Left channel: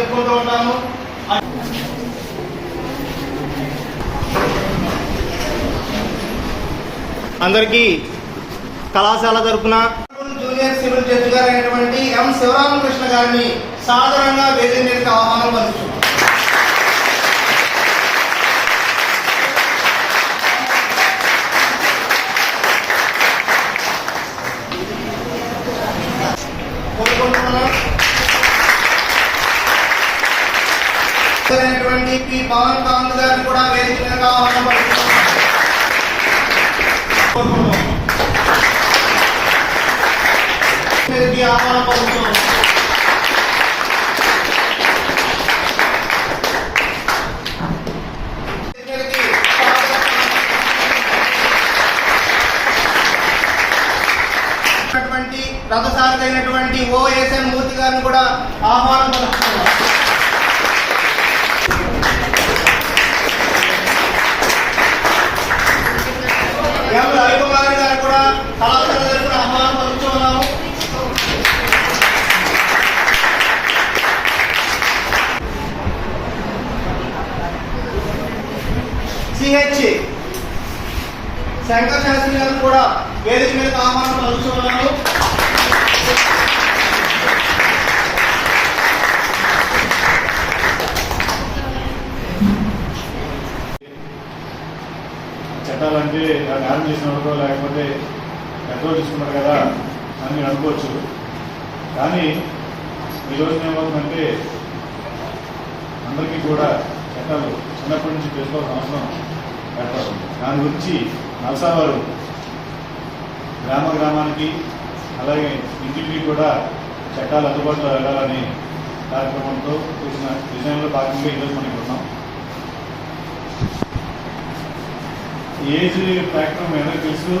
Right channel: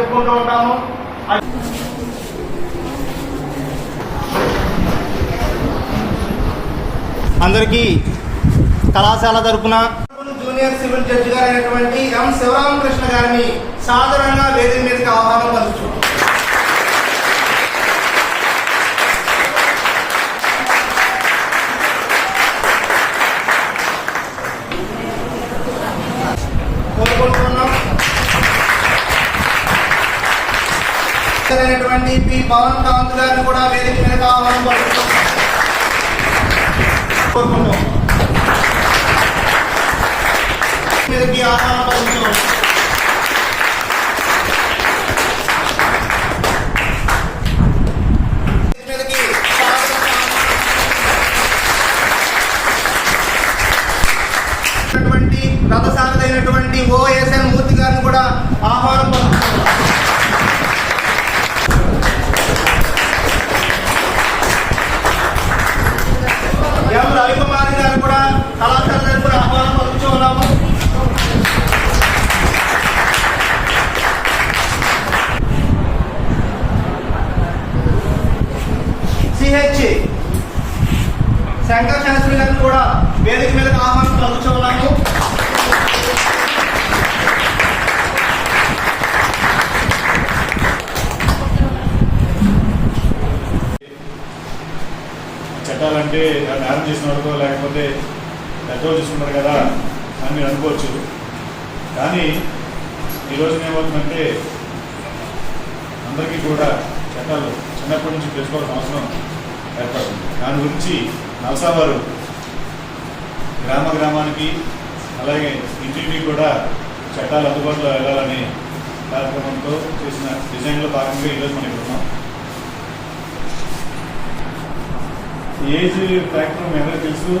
జరుపుకుంటూ ఉంటాము. అందరికీ కళాశాల తరపున జూనియర్ సివిల్ జడ్జి గారు అయినటువంటి ఎం శివరామకృష్ణ గారిని సాధారణంగా వేదిక మీదకి ఆహ్వానం పలుచు అయినటువంటి పి పవన్ కాంత్ గారిని కూడా వేదిక మీదకి ఆహ్వానం పలుకుతున్నాం. మీదకి ఆహ్వానం పలుకుతున్నాం. మీదకి అయినటువంటి ఓఎస్ఎన్ మూర్తి గారిని కూడా ఆహ్వానం పలుకుతున్నాం. ఎం రవికుమారి గారు కూడా కళాశాల గారు కూడా ఆహ్వానం పలుకుతూ సిహెచ్ శంకర్ శాస్త్రి గారు కూడా వేదిక మీద ఆహ్వానం పలుకుతూ ఉన్నాము దాన్ని ఆరం చేసినవాడుకో లేకపోతే పెద్దోళ్ళు చూసుకున్నారు కదా అని మీరు అనుకోవచ్చు. కానీ ఈరోజు ఏమవుతుందంటే అందరికీ కూడా చట్టాలు చిన్నప్పటి నుంచి తెలుసుకోవాల్సిన అవసరం ఏర్పడుతుంది. దాని గురించి నల్సా వారు గ్రామ గ్రామానికి అలాగే ఇంటింటికి కూడా చట్టాలు అందుబాటులో వెళ్ళాలని కార్యక్రమంతో చేసిన డిజైన్లో భాగంగా ఈరోజు మనం ఇక్కడ ఉన్నాం. ఏజ్ ఫ్యాక్టర్ మీ తెలుసు.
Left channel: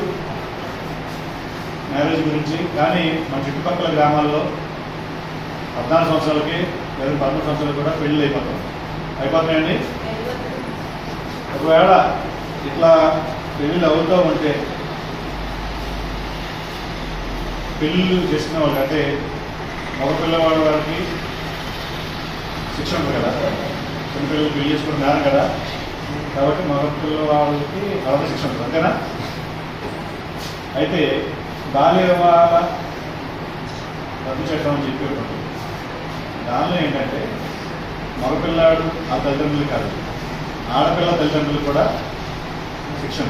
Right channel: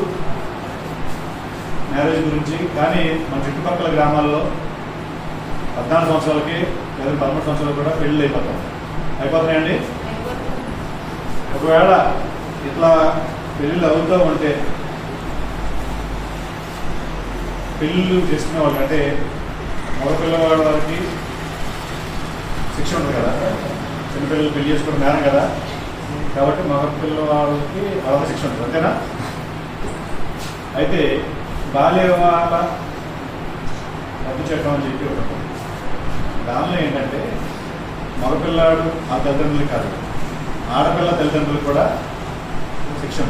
మ్యారేజ్ గురించి. కానీ మన చుట్టుపక్కల గ్రామాల్లో పద్నాలుగు సంవత్సరాలకి లేదా పదమూడు సంవత్సరాలు కూడా పెళ్ళిళ్ళు అయిపోతాం. అయిపోతున్నాయండి ఒకవేళ ఇట్లా పెళ్ళిళ్ళు అవుతూ ఉంటే పెళ్ళిళ్ళు చేసుకునే వాళ్ళు అంటే మగ పిల్లవాడి వారికి శిక్ష ఉంది కదా? చిన్నపిల్లలు పెళ్ళి చేసుకోవడం మేడం కదా? కాబట్టి మగ పిల్లవాళ్ళకి అవగాహన శిక్ష ఉంటుంది అంతేనా? అయితే బాల్య వివాహాల రద్దు చట్టం అని చెప్పి ఒకటి దానిలో ఏంటంటే మగపిల్లాడు ఆ తల్లిదండ్రులు కాదు ఆడపిల్ల తల్లిదండ్రులు కూడా శిక్షణ.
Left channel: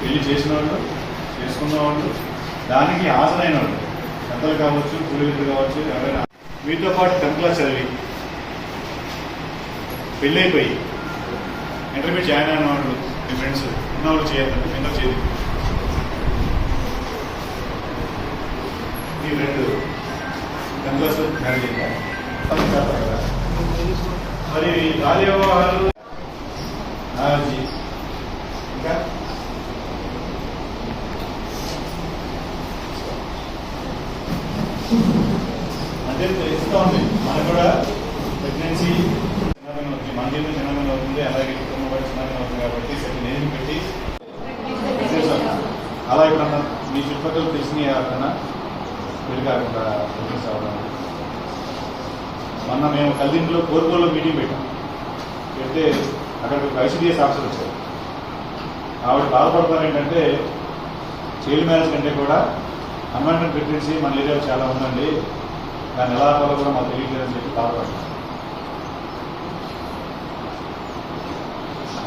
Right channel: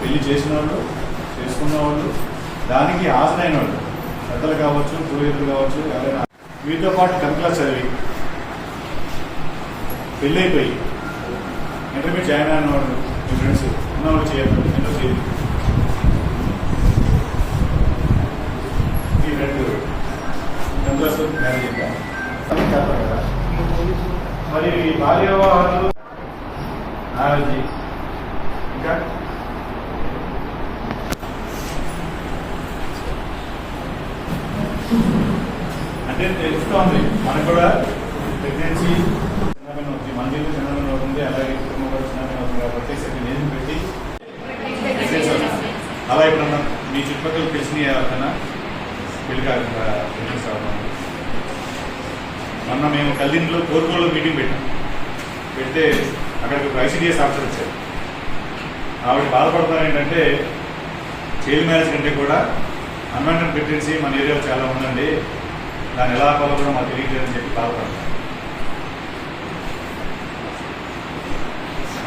పెళ్ళి చేసిన వాళ్ళు చేసుకున్న వాళ్ళు దానికి హాజరైన వాళ్ళు పెద్దలు కావచ్చు పూర్వీకులు కావచ్చు ఎవరైనా. మీతో పాటు టెన్త్ క్లాస్ చదివి పెళ్ళైపోయి అయిపోయి ఇంటర్మీడియట్ జాయిన్ అయిన వాడు మీ ఫ్రెండ్స్ ఇన్నాళ్ళు చేయద్దు ఎందుకు చేయదు ఈ రెండు. టెన్త్ క్లాస్ మ్యారేజ్ అయిందా కదా మరి బాల్య వివాహాలు మ్యారేజ్ ఇంకా అంటే తెలుస్తూ ఉంది మనకు కూడా ప్రెగ్నెన్సీ చిన్నగా అవుతుంది మన జీవితం చిన్నగా అవుతుంది అలాగే కుటుంబం కూడా చిన్నగా అవుతుంది కాబట్టి సరే నేను పెట్టి చేశాను. అలా ఎప్పుడన్నా మీ చుట్టుపక్కల తెలిసిన ఎవరికైనా పెళ్ళి కాకుండా ప్రెగ్నెన్సీ అవ్వడం మొన్న మేము కల్లింట్లో కోరుకోలో మీటింగ్ పెట్టాం. పెడితే అక్కడికి ఐసీడీఎస్ ఆఫీసర్ వచ్చారు. ఆవిడ బాధపడతారు ఏంటంటే చైల్డ్ మ్యారేజ్ కంటే కూడా అన్వాంటెడ్ ప్రెగ్నెన్సీ మన ఏరియాలో చాలా ఉందండి. దాన్ని ఎలా ఆపాలో కూడా మాకు తెలియట్లేదని చెప్పి బాధపడతాం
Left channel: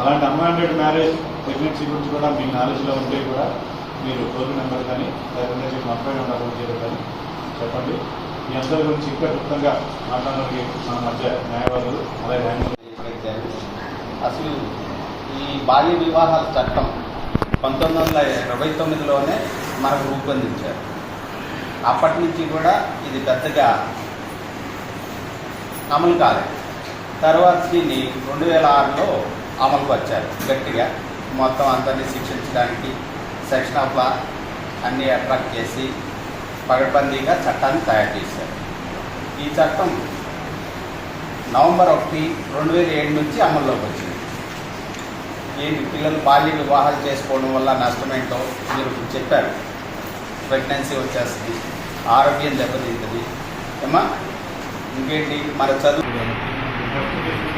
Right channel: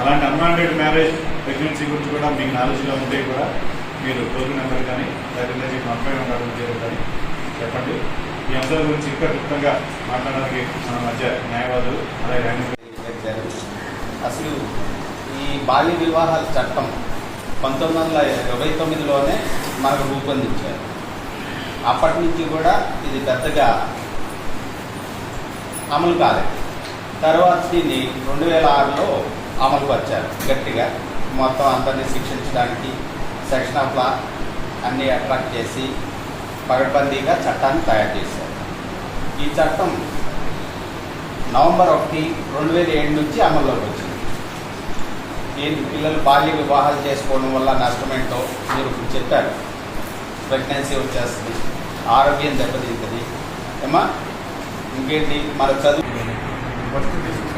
అలాంటి అన్వాంటెడ్ మ్యారేజ్ ప్రెగ్నెన్సీ గురించి కూడా మీకు నాలెడ్జ్లో ఉంటే కూడా మీరు టోల్ నెంబర్ కానీ లేకపోతే మొత్తం నెంబర్ జరుగుతుంది చెప్పండి. ఈ అంశాల గురించి ఇంకా క్లుప్తంగా మాట్లాడడానికి మన మధ్య న్యాయవాదులు అలాగే అసలు ఈ బాల్య వివాహాల చట్టం పంతొమ్మిది వందల ఇరవై తొమ్మిదిలోనే మనకు రూపొందించారు. అప్పటి నుంచి కూడా ఇది పెద్దగా అమలు కాలేదు. తర్వాత దీన్ని రెండు వేల ఆరులో అమలుకు వచ్చారు గట్టిగా. మొత్తం అందరినీ శిక్షించడానికి సెక్షన్ ఆఫ్ లా అన్నీ అట్రాక్ట్ చేసి పగడ్బందీగా చట్టాన్ని తయారు చేశారు. ఈ చట్టం నవంబర్ ఒకటి రెండు వేల ఏడు నుంచి అమల్లోకి వచ్చింది. ఏంటి? పిల్లలు బాల్య వివాహాలు చేసుకోవడం వల్ల నష్టమేంటో మీరు ఇప్పుడు చెప్పారు. ప్రెగ్నెన్సీ వచ్చేస్తుంది ఆరోగ్యం దెబ్బతింటుంది. ఏమా ఇంకేంటి? మన చదువు ఫస్ట్ చూసిన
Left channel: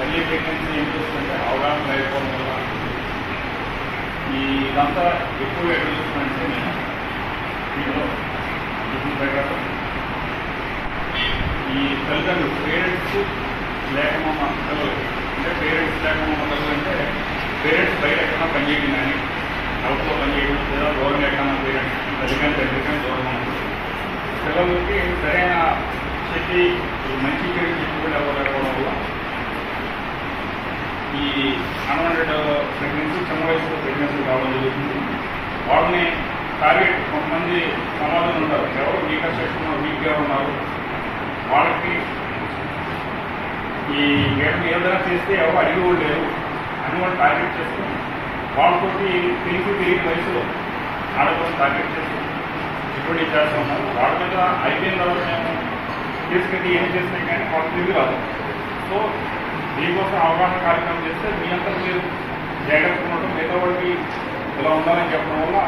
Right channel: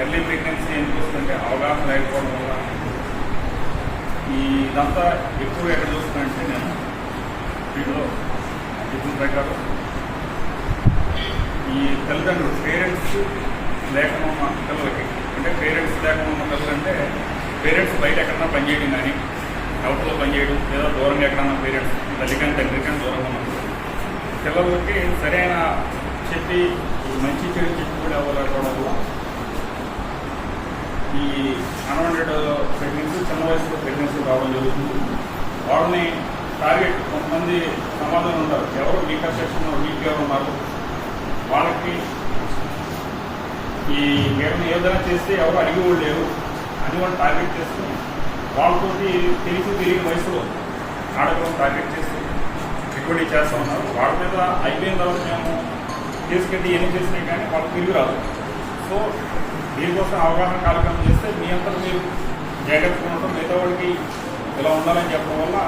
ఎర్లీ ప్రెగ్నెన్సీ ఏం చూస్తుంటే ఎందుకు అవగాహన లేకపోవడం వల్ల ఈ ఇదంతా ఎక్కువ ఎక్కడ చూస్తున్నానంటే నేను దీనిలో ఇప్పుడు దగ్గర ఈ తల్లిదండ్రులు పేరెంట్స్ లేకుండా ఉన్న పిల్లలు అంటే పేరెంట్స్ లేకుండా ఉన్న పిల్లలు అంటే పేరెంట్స్ బయట ఎక్కడన్నా పనిచేయడం కానీ అవుట్లో పనిచేయడం లేదా దూరంగా ఎక్కడన్నా పేరెంట్స్ తల్లికని తండ్రికని దూరంగా ఉన్నప్పుడు పిల్లలకి సరైన చెప్పి మంచి చెడు చెప్పుకోలేకపోవడం వల్ల ఈ అన్వాంటెడ్ ప్రెగ్నెన్సీ చిన్న వయసులో ప్రెగ్నెన్సీ రావడం జరుగుతుంది. వాళ్ళని టార్గెట్ కొంతమంది సమాధానం ఉంటారు. ఎవరు వీకర్ సెక్షన్లో వీక్గా ఉన్నారు. వాళ్ళకి ఈ మేడం ఏదైనా చేస్తే ఎవరు అడిగి కూడా లేరు. అని వాళ్ళు టార్గెట్ చేస్తూ వాళ్ళతో తెలిసి తెలియని వయసులో ఆడపిల్లని టార్గెట్ చేస్తూ ఇప్పుడు చేస్తూ ఉన్నారు. వాళ్ళ మీద అయిపోయిన తర్వాత మేము తీసుకెళ్ళి ఏం చేసినా కానీ వాళ్ళు తిరిగి రాదు. సో మీకోసం అవగాహన కార్యక్రమం చేస్తే మీ అంతా మీరు జాగ్రత్తగా ఉండటం మిగతా వాళ్ళకి ఇలా ఉండాలని చెప్పడం వల్ల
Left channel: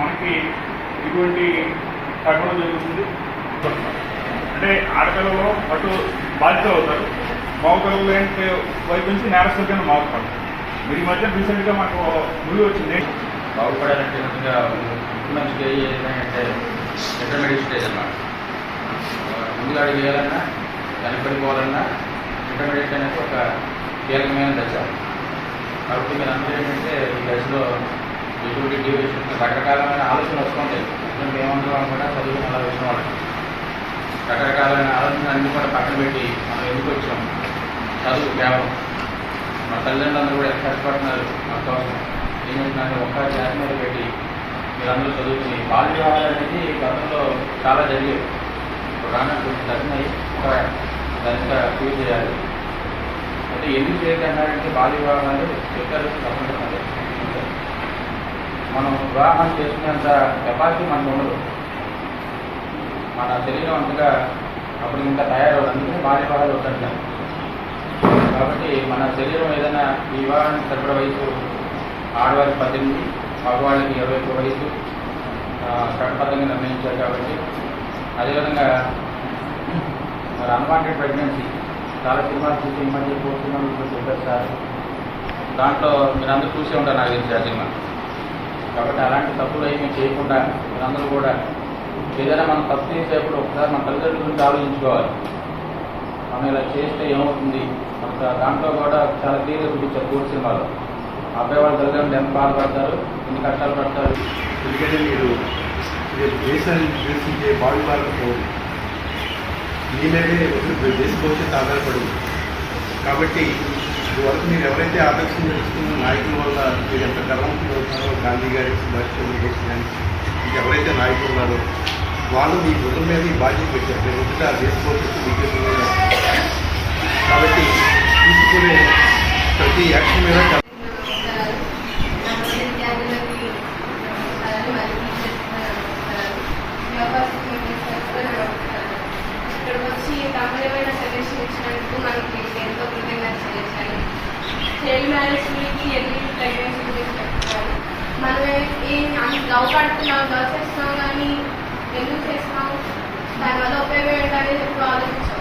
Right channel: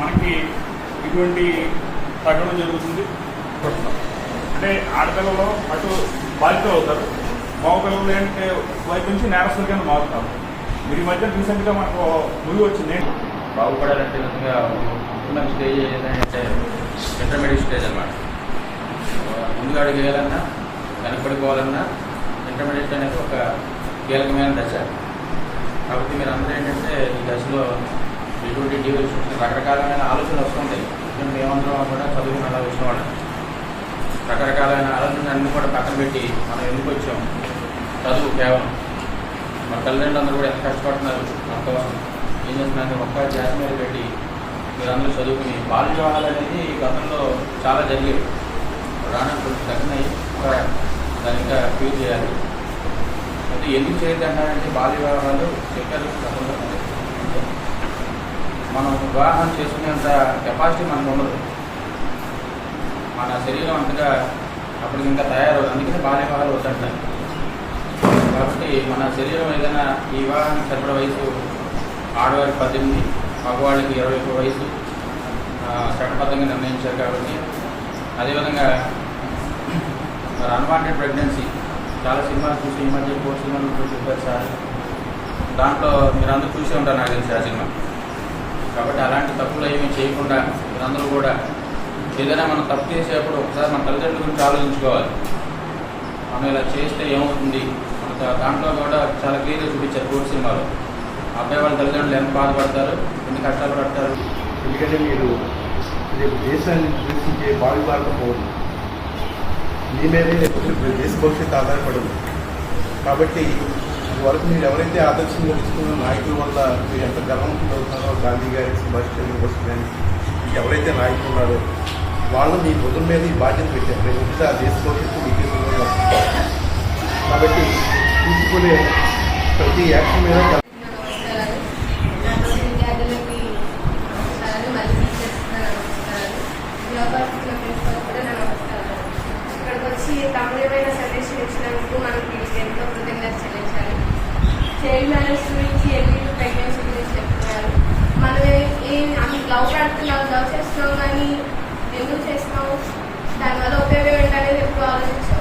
మనకి ఇటువంటి తగ్గడం జరుగుతుంది. అంటే ఆడపిల్లలు అటు బాధ్యత అవుతారు. మగపిల్లలు అంటే వైపు నుంచి నేరస్తులుగానే మారుతారు. మీరు ఈ మధ్య రీసెంట్గా మాకు మూవీ వచ్చింది. బాగుపడాలంటే నిజంగా ఉన్న స్టేజ్ ఏంటంటే ఇంటర్మీడియట్ స్టేజ్ అన్నమాట. ముందుగా అడుగు వేయాలన్నా వెనకబడిపోవాలన్నా ఇంటర్మీడియట్ అనేది ఒక కీలకమైన దశ. కాబట్టి మీరు అందరూ ఏంటంటే ఈ దశలో ఎటువంటి డ్యూరేషన్ రకరకాలమైన ఆలోచనలు వస్తుంటాయి మేము ఏమంటాం కూడా చదువుకుని అలా వచ్చిన వాళ్ళు. రకరకాలైన ఆలోచనలు అన్నీ కూడా పక్కన పెట్టి మనం ఎందుకు వచ్చాం? చదువు కేవలం. మా తల్లిదండ్రులు అందరూ కూడా ఎంత కష్టపడుతున్నారు? మన కోసం ఏం చేస్తున్నారు ఒక్క జాతి మీద పెట్టి మీరందరూ చదువుకుని బాల్య వివాహాలు అనేది గతంలో చాలా జరిగేవి ఇప్పుడు రానట్టు తగ్గినాయి. ఒక దాన్ని ఇంకా క్యూర్ చేయాలి. ఎందుకు చేయద్దు అంటారంటే బాల్య వివాహాలు చెప్పారు తప్పకుండా మనం వివాహం చేసుకునేంత కెపాసిటీ మనకు ఉండదు. మన శరీరం అంతగా అప్పుడు ఇంకా తయారవుతుంది అందుకనే బాల్య వివాహాలు వద్దంటారు కాబట్టి మన శరీరం ఏదైనా ఈ వివాహానికి సరిపడ వయసు ఆడవారికి పద్దెనిమిది మగవాళ్ళకి ఇరవై ఒక్క వయసు చట్టబద్ధంగా నిర్ణయించారు కాబట్టి అదేవిధంగా మరి అన్వాంటెడ్ ప్రెగ్నెన్సీ చాలా సినిమాలు చూసి ఈ మధ్య ఫోర్ సినిమాలు కూడా చెప్పారు సార్. దాంట్లో మీరందరూ చూసే ఉంటారు నాకు తెలిసి ఆ సినిమా. కాబట్టి అలాంటి తప్పులు ఏమీ చేయకుండా మీరందరూ కూడా ఏదైనా మనం తప్పు చేసేటప్పుడు ఒకసారి మన తల్లిదండ్రుల గురించి ఆలోచించుకోవాలి. మనం ఇలా చేస్తే ఏమవుతుంది? మనకు దాంట్లో కూడా చాలా క్లియర్గా చూపించారు కోర్టు సినిమాలో. అబ్బాయి వాళ్ళ తల్లిదండ్రులు ఎంత బాధపడతారు? ఎన్ని కష్టాలు పడతారు? ఎందుకంటే మీరు దేశాన్ని దూషించే బావి మీ మీదే రేపు దేశ కాబట్టి ఇదివరకు మీరు ఎవరైతే ఆదర్శం తెలుసుకున్న నాయకుల వల్ల మీరు ఎంత గర్వంతులు అవుతున్నారో గాంధీ గారి సుభాష్ చంద్రబోస్ కానీ ఎవరైతే నాయకులు ఉన్నారో వాళ్ళు మీ బుధం మీద ఈ బాధ్యత పెట్టారు. మీరు పొద్దుట ఆ దేశ భవిష్యత్తు కాబట్టి తీసుకునే ప్రతి యాక్షన్ మీద నమస్కారాలు మన విద్యార్థులకి నమస్కారాలు మరియు టీచర్స్ నమస్కారాలు వ్యాపారస్తులకు కూడా నమస్కారాలు ఇక్కడికి వచ్చి తమరమైన సజెషన్ ఇచ్చినందుకు మనకి ఎంతో కృతజ్ఞత చెల్లించాలి చైల్డ్ మ్యారేజ్కి ఎన్ని ప్రెగ్నెన్సీ గురించి చెప్పుకోవాలి మనం ఏం లవ్ పడుతున్నాం లవ్ చేస్తున్నాం కానీ ఎందుకు చేస్తున్నాం దానివల్ల ఉపయోగం ఏంటనేది ఎప్పుడు ఆలోచించాం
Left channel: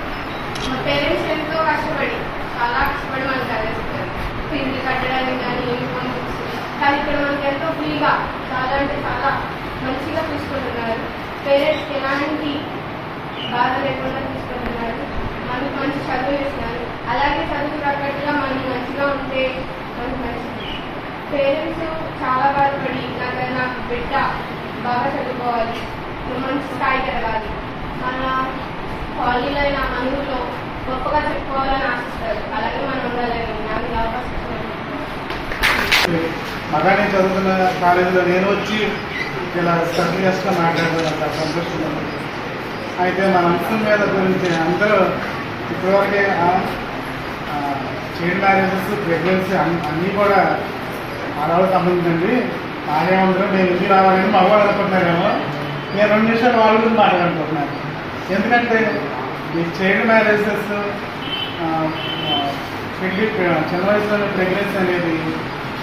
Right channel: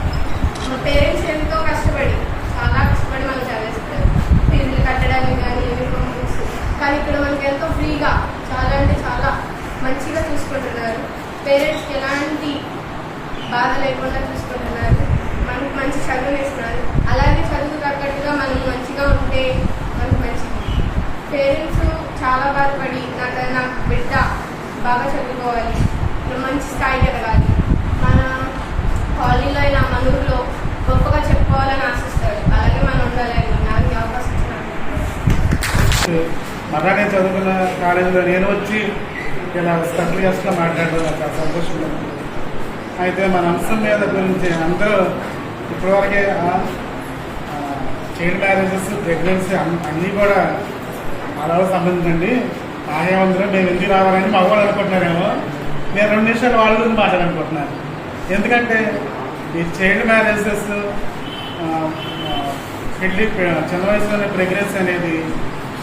మా పేరెంట్స్ ఎంతో కష్టపడి చాలా కష్టపడి మనం చదివిస్తారు ఫీజులు కట్టడానికి కానీ యూనిఫామ్ బుక్స్ కానీ ఇక్కడ మనకి ఎంతో ఫ్రీగా చాలా అంటే చాలా మంచిగా చూసుకుంటున్నారు. పేరెంట్స్కి ఎలాంటి బాధ లేకుండా చూసుకుంటున్నారు. మనకి మంచి చదువు ఇస్తున్నారు అలాగే చదువు తగ్గట్టుగా మనం మంచిగా ఉంటే మనకు మంచిది. పేరెంట్స్ చాలా బాధపడి నాకు నా బిడ్డ బాగా చదువుకోవాలి. మంచి స్థాయికి ఎదగాలి. మన కాలనీలో అయినా మన ఊళ్ళో గొప్పగా చెప్పుకోవాలని ఆశిస్తారు. అలాగే మనం ఉండాలని నాకు అవకాశం ఇచ్చినందుకు. చదువుకున్న కాలేజీలో నేను వచ్చి ఇలా స్పెషల్ గెస్ట్గా మాట్లాడడం సంతోషంగా అయితే మన అంశం మీద గురించి అందరూ ఇప్పటివరకే చైల్డ్ మ్యారేజెస్ ప్రెగ్నెన్సీ అన్నీ కూడా ఆడవాళ్ళకి సంబంధించండి ఆయా అందరూ మేము ఎందుకు రావాలని మగవాళ్ళు అనుకుంటున్నారేమో. నేను రెండు నిమిషాలు వాళ్ళ గురించి మాట్లాడాలనుకుంటున్నాను. ఎందుకంటే ఈ చైల్డ్ మ్యారేజెస్ పెళ్ళి చిన్న వయసులోనే ప్రెగ్నెన్సీ అనేది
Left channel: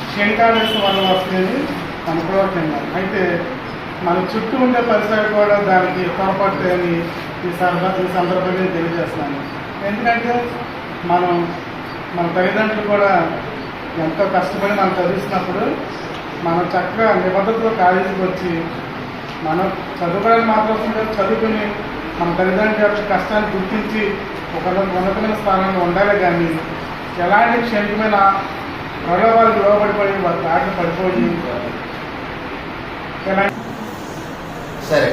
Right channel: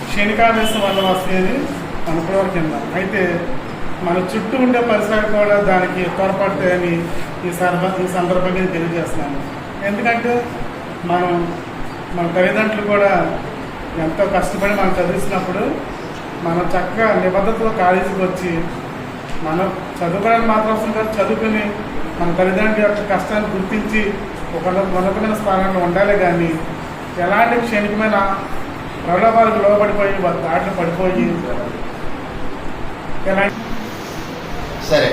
క్షణికావేశం వల్ల వస్తుంది అనుకోవడం అయితే మన చుట్టూ ఉండే పరిసరాలు కూడా దానికి తోడ్పడతాయని ఈ సందర్భ ఈ సందర్భంగా తెలియజేస్తాను తెలియజేస్తున్నాను. ఎందుకంటే మనం మన తల్లిదండ్రులు కూడా ఎంతో కష్టపడి మనం చదివిస్తున్నప్పుడు మనం చక్కగా నిబద్ధతలో కాలేజీకి వచ్చి మనం చదువుకోవడానికి మాత్రం కూడా చదువుకుని మన తల్లిదండ్రుల యొక్క కష్టాన్ని గుర్తించి ఒక ఉన్నతమైన స్థానంలో ఉండాలి కానీ ఎలాంటి క్షణికమైన ప్రలోభాలకు లోబడిపోయి వారి దాటి పడిపోయి ఎలాంటి సరే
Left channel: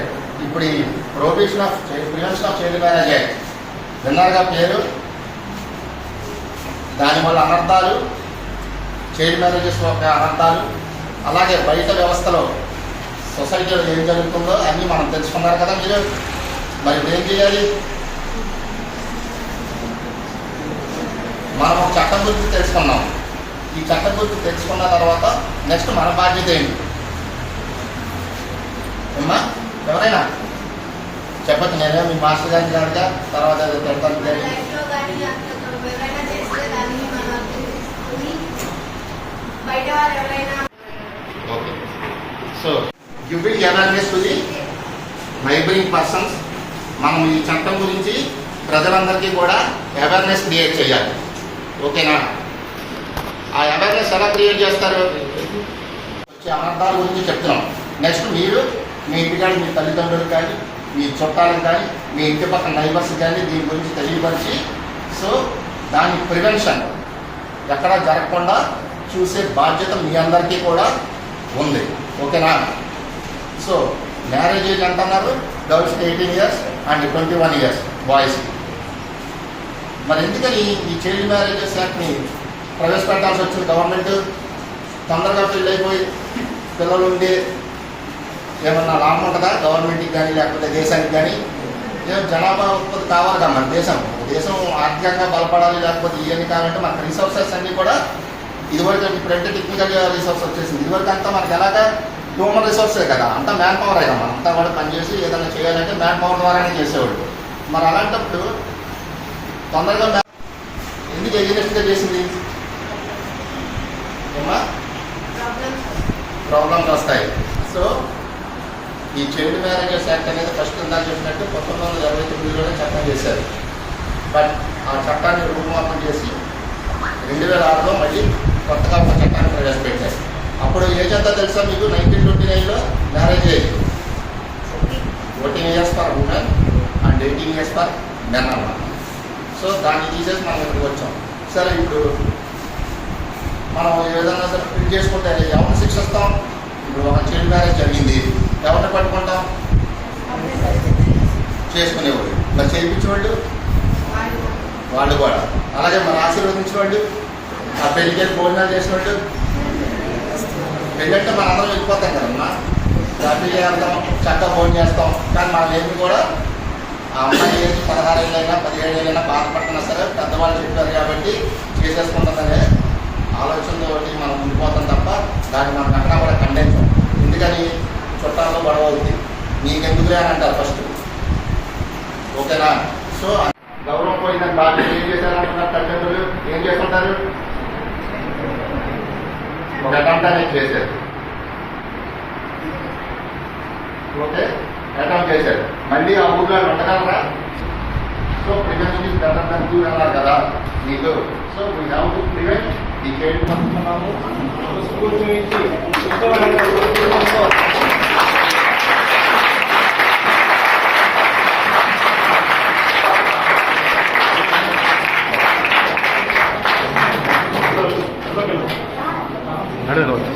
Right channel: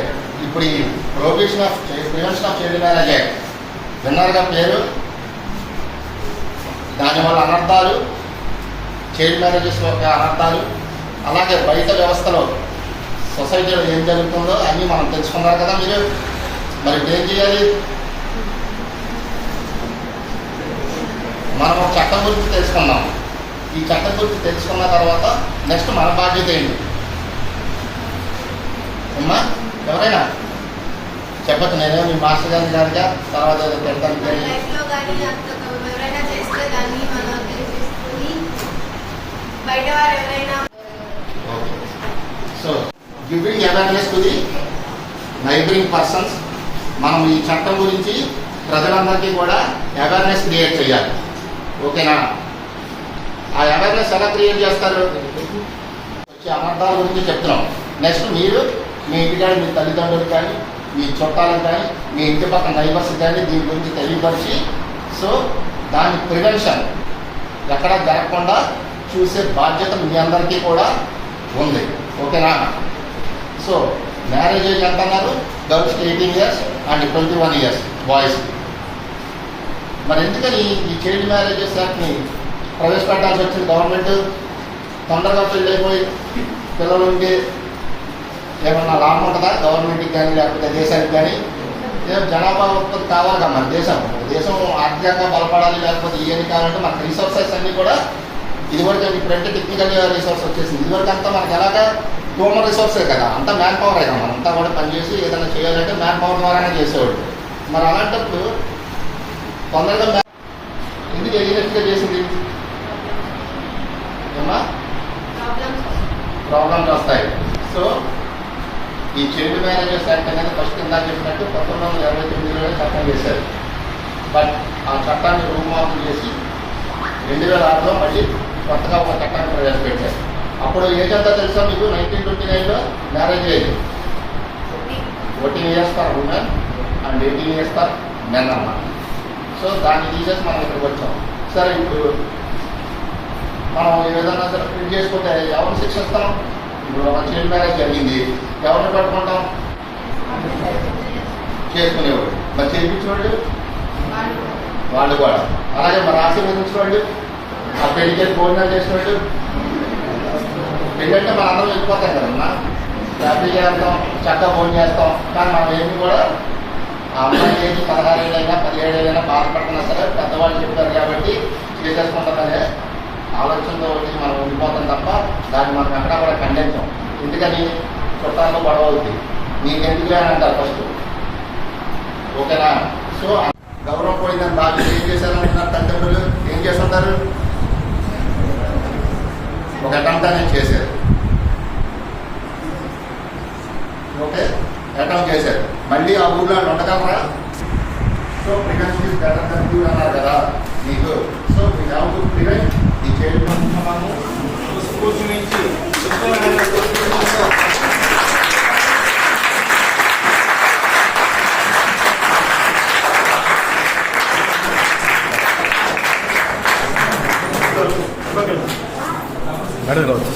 ఇప్పుడు ఈ prohibition of prevention of child marriage act విన్నారుగా పేరు? దానివల్ల అనర్థాలు? చైల్డ్ మ్యారేజెస్ యొక్క అనర్థాలు? అలాగే బయట వ్యవస్థలో సొసైటీలో ఏం జరుగుతుందో అన్నీ మనం తెలుసుకున్నారు కదా మీరు. మరి ఇప్పుడు ఏం చేయాలి? మనం ఒక చట్టం గురించి తెలుసుకున్నాం ఈ చట్టం గురించి తెలుసుకున్న తర్వాత నెక్స్ట్ మన బాధ్యత ఏంటి? అమ్మా ఎవరైనా? చెప్పచ్చు నేనే మీ మాస్టర్ గారిని కాదుగా తర్వాత ఏదో తిడతాను okay. So giving awareness to the neighboring persons మనం ఈ చట్టం గురించి ప్రజలందరికీ కూడా అవేర్నెస్ క్రియేట్ చేయాలి. ఓకేనా? ఆ అవేర్నెస్ ఎలా క్రియేట్ చేస్తారు? వచ్చే అనర్థాల గురించి చెప్తున్నాం. నెక్స్ట్ మీరు మీ ఇంటికాడ మీ తల్లిదండ్రులు కానీ మీ చుట్టాలకు కానీ మీ ఇంటి పక్కన నైబర్స్ కానీ దీని గురించి తెలియపరిచి సో దాని ప్రివెన్షన్ ఎక్కడా జరగకుండా చూసే బాధ్యత మీ అందరికీ కూడా ఉంది. ఓకేనా? సో మ్యారేజ్ ఏజ్ అంటున్నారు గర్ల్స్కి eighteen years and twenty one years బాయ్స్కి మరి ఎందుకని ఈ చైల్డ్ మ్యారేజెస్ యాక్ట్ని ప్రవేశపెట్టాల్సి వచ్చింది? గవర్నమెంట్ తొందరగా పెళ్ళి అయిపోయి పిల్లలు ఉండి ఏమన్నా లాభం ఉంటుందా? గవర్నమెంట్కి కానీ లేకపోతే దేశానికి కానీ? ఏమో జనాభా ఉత్పత్తి కావాలి మన దేశం. దేశం ఆర్థికంగా బలపడాలి లేకపోతే ఇవన్నీ కావాలంటే మనకు రిసోర్సెస్ అన్నీ కూడా ఇదివరకు ఇప్పుడంటే టెక్నికల్ రిసోర్స్ వచ్చేసింది. ఇదివరకు అంతా మనకి ఎలాగా హ్యూమన్ రిసోర్సే కదా అంతా మ్యాన్ పవరే కదా అంతా కూడా పనిచేసి ఏదైనా చేయాలంటే మ్యాన్ పవర్ ద్వారానే చేసేవాడు. మరి అలాంటప్పుడు తొందరగా మ్యాన్ ఎందుకు ఎగ్జినెస్ట్గా చేసింది? ఏమా ప్రాబ్లమ్స్ ప్రాబ్లమ్స్ వస్తాయి. సో ఈ చైల్డ్ మ్యారేజెస్ యాక్ట్ అనేది ఫస్ట్ ఇందాక చెప్పినట్టు పంతొమ్మిది వందల ఇరవై తొమ్మిదిలోనే చట్టం చేశారు. బట్ ఆ చట్టాన్ని రూపుమాపం చేసి రెండు వేల ఆరులో మళ్ళీ కొత్తగా ఒక చట్టాన్ని ప్రవేశపెట్టారు. అప్పుడు ఏజ్ అంతా తెలుసా మీకు? నైన్టీన్ ట్వంటీ నైన్లో marriage age fourteen years for women and eighteen years for men అన్నమాట. సో దాన్ని తీసేసి మనం ఇక్కడికి వచ్చాం. సరే ఇప్పుడు మనం ఏదైనా సరే ప్రింట్ చేసుకుంటే ఎవరిని శిక్షిస్తాం? ఇప్పుడు ఒక చైల్డ్ మ్యారేజ్ జరిగింది. ఎవరిని పట్టుకుంటాం? చేసుకునేవాళ్ళు. మరి చేయించేవాళ్ళు? వాళ్ళు కూడా. అలాగే మరి ఆశీర్వదించేవాళ్ళు? ఆ పెళ్ళికి భోజనాలు చేసినట్టు ఎందుకంటే మన మనం అందరం వెళ్ళిపోతాం కదమ్మా హ్యాపీగా వెళ్తాం చక్కగా ఫోన్ చేస్తాం. కానీ మనం ఏమి కూడా ఆ అమ్మాయి ఏజ్ పదహారు ఏళ్ళైనా పదిహేడు ఏళ్ళైనా బాధపడుతున్నా సరే పెద్దవాళ్ళు చెప్పారు కాబట్టి చేసేసుకుంటుందనే ఆలోచనతో మనం ఉండిపోతాం తప్ప దాన్ని మనం అక్కడ కూడా ఖండించాం. ఎందుకని? చుట్టాలతో గొడవ అవుతుంది నీకెందుకులే అని అంటారు ఫస్ట్ ఓకేనా? సో గౌరవం పోయిందని బాగా ఏం చేశారు అంటున్నారు తల్లిదండ్రులు? ఏం చేస్తుంటారు? ఒక అటెంప్ట్ అనేది చేశారు. ఓకే? అటెంప్ట్ చేశారు. మళ్ళీ ఆ ఊర్లో ఉండగలరా so prevention is better than you అన్నారు కదా నీకు. So we have to prevent ఈ చేయడం మనము స్కూల్స్ నుంచి. Perdón.